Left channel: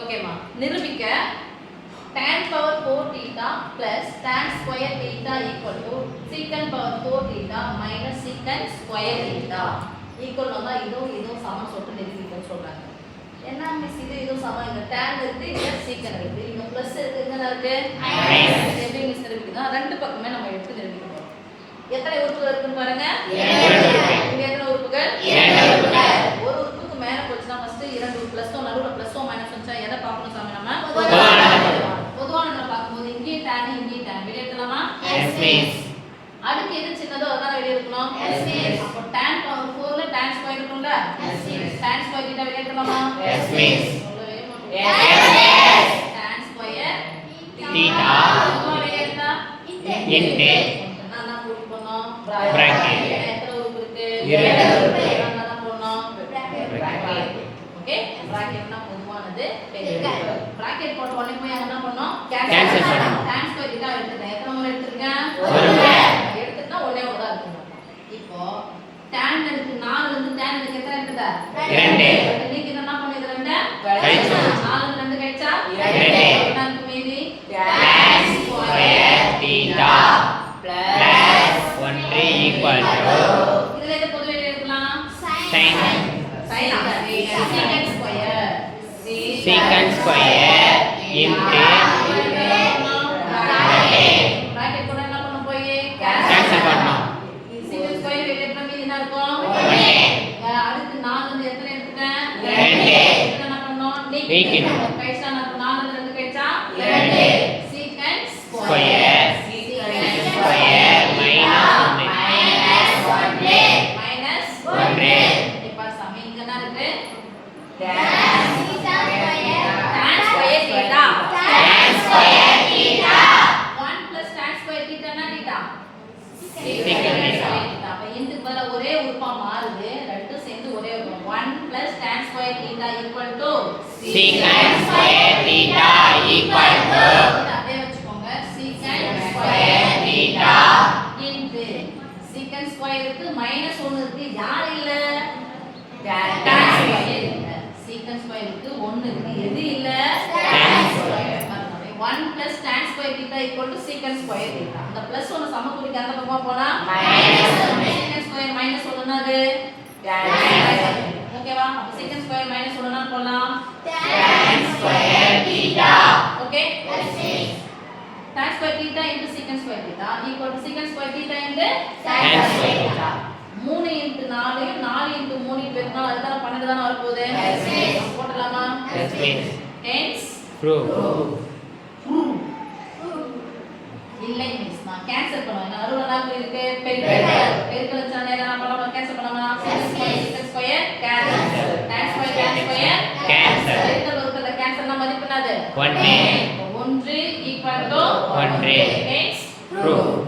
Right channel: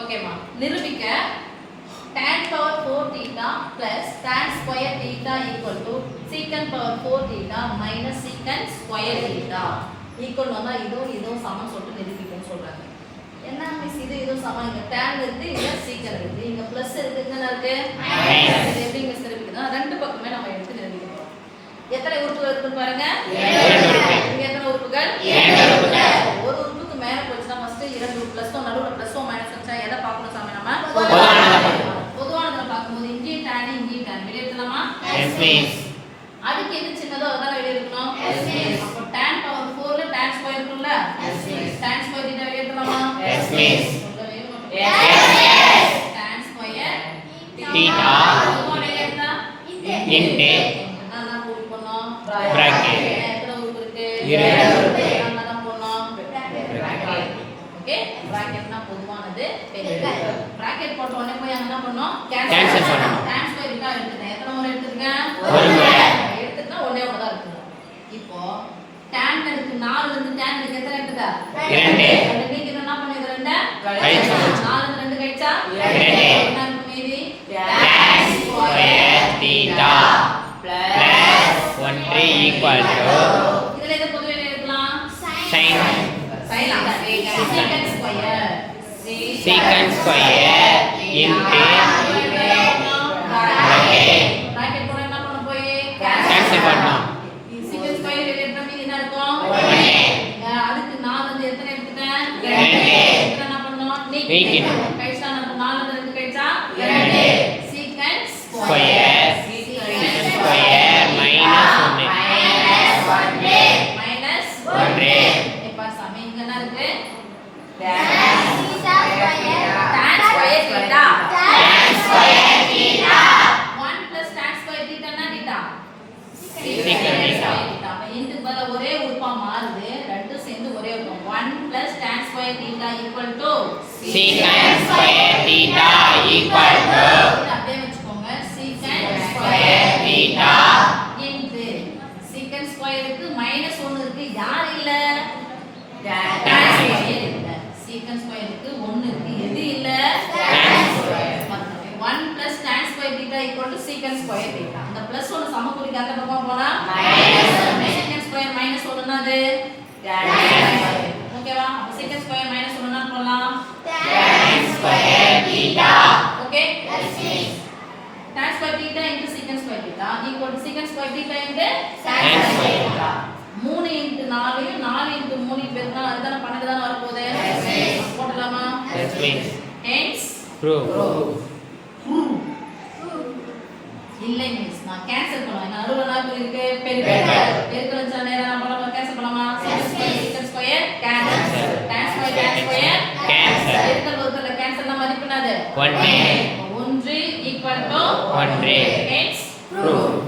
ஓகேமா நிரூபிக்க tan power 4 theta plus tan square theta equal to secant power 4 theta minus secant square theta equal வந்தா இதோ சமம் சொல்லிட்டு நிரூபிக்கன்னு சொல்றாங்க. என்ன மிஸ் இது சமம் இங்க tan இருக்கு இங்க secant இருக்கு இங்க பிளஸ் இருக்கு இங்க இருக்கு மைனஸ் எப்படி மிஸ் நிரூபிக்கணும் ரெண்டு பக்கமே நம்ம எடுத்து நிரூபிக்கணும். எத்தனை உறுப்புகள் இருக்குன்னு பாருங்க இங்க எத்தனை உறுப்புகள் ஒரு உறுப்புக்கு மேல போச்சுனா ஃபர்ஸ்ட் இரண்டு பிளஸோ நடுவுல பிளஸோ மைனஸ் வச்சா எதை பார்க்கணும் சாமி நம்ம பொதுவானத பார்க்கும்போது இங்கே tan இங்கே tan வெளிய எடுக்கலாமா எஸ் மிஸ் அதுக்கு எது சின்னதோ அதான் வெளிய எடுக்கணும் எஸ் மிஸ் அப்ப tan பவர் 4 ல tan ஸ்கொயர் இருக்குல்ல yes miss tan square theta வெளிய எடுக்கலாமா yes miss yes tan square theta வெளிய எடுத்தா இன்டு நான் கூட்டி போறோம் பிராக்கெட் எத்தனை உறுப்பு இருக்கு இரண்டு நம்ம போறோம் பிராக்கெட் ஓகே பிராக்கெட்னா பொதுவானது பிராக்கெட் போட்ட உடனே போய் அங்க என்ன பண்ணனும் கேன்சல் பண்ணனும் tan ஸ்கொயர் theta எடுத்துட்டேன் எத்தனை முறை எடுத்துட்டேன் ஒரு முறை எடுத்துட்டா ஒரே ஒரு தான் இருக்கும். இப்போ tan எடுத்து 4 ல இருந்து tan எடுக்க எத்தனை எடுத்தா 2 நீங்க என்ன பண்ணீங்க 2 கழிச்சா 4 ல இருந்து 2 கழிச்சா 2 என்ன இருக்கு மீதி tan square theta plus 1 equal to இதுல எது பொதுவா எழுதலாம் sin secant square secant square into bracket போட என்ன பண்ண போய் cancel பண்ணோம் secant square வெளியிட்ட மீதி என்ன இருக்கும் அதுக்கு 4 வந்து எத்தனை எடுத்துட்டேன் 2 என்ன பண்ணோம் நீக்கிட்டோம் பைசா நம்ம 4 ல 2 கழிச்சா 2 secant square minus 1 இப்ப சமம் இங்க என்ன இருக்கு tan square theta 1 plus tan square theta என்ன theta secant square theta அப்ப இதுக்கு பதிலா ஒரே உறுப்பா மாறுது ரெண்டும் சேர்ந்து ஒரே உறுப்பு 1 plus tan square theta equal to secant square theta equal to அப்படியே வச்சுக்கோங்க secant square theta into secant square இருக்கு minus 1 இருக்கு யார் இல்ல tan square இல்ல secant square இருக்கு 1 இருக்கு எது இல்ல tan square 1 plus tan square theta equal to secant square theta அந்த பிளஸ் 1 சமக்குறிக்கு அந்த பக்கமா போனா minus 1 secant square minus 1 என்னது ஓகேவா அப்ப secant square minus 1 என்ன போடலாம் tan square theta okay tan square theta into secant square theta equal to secant square theta into tan square theta 3 into 4 4 into 3 பெருக்கா அதுதான 12 தான வர போகுது போடலாமா yes miss hence prove இல்லை மிஸ் நான் கேன்சல் பண்ணுவேன் என்ன அறுவலா இருக்கு பெருக்கல் சொன்னா நான் பண்ணலாம் கேன்சல் பண்ணலாமா secant square cancel tan square cancel பெருக்கல் வகுத்தல கேன்சல்னா மதிப்பு என்னது 1 1 equal to 1 hence prove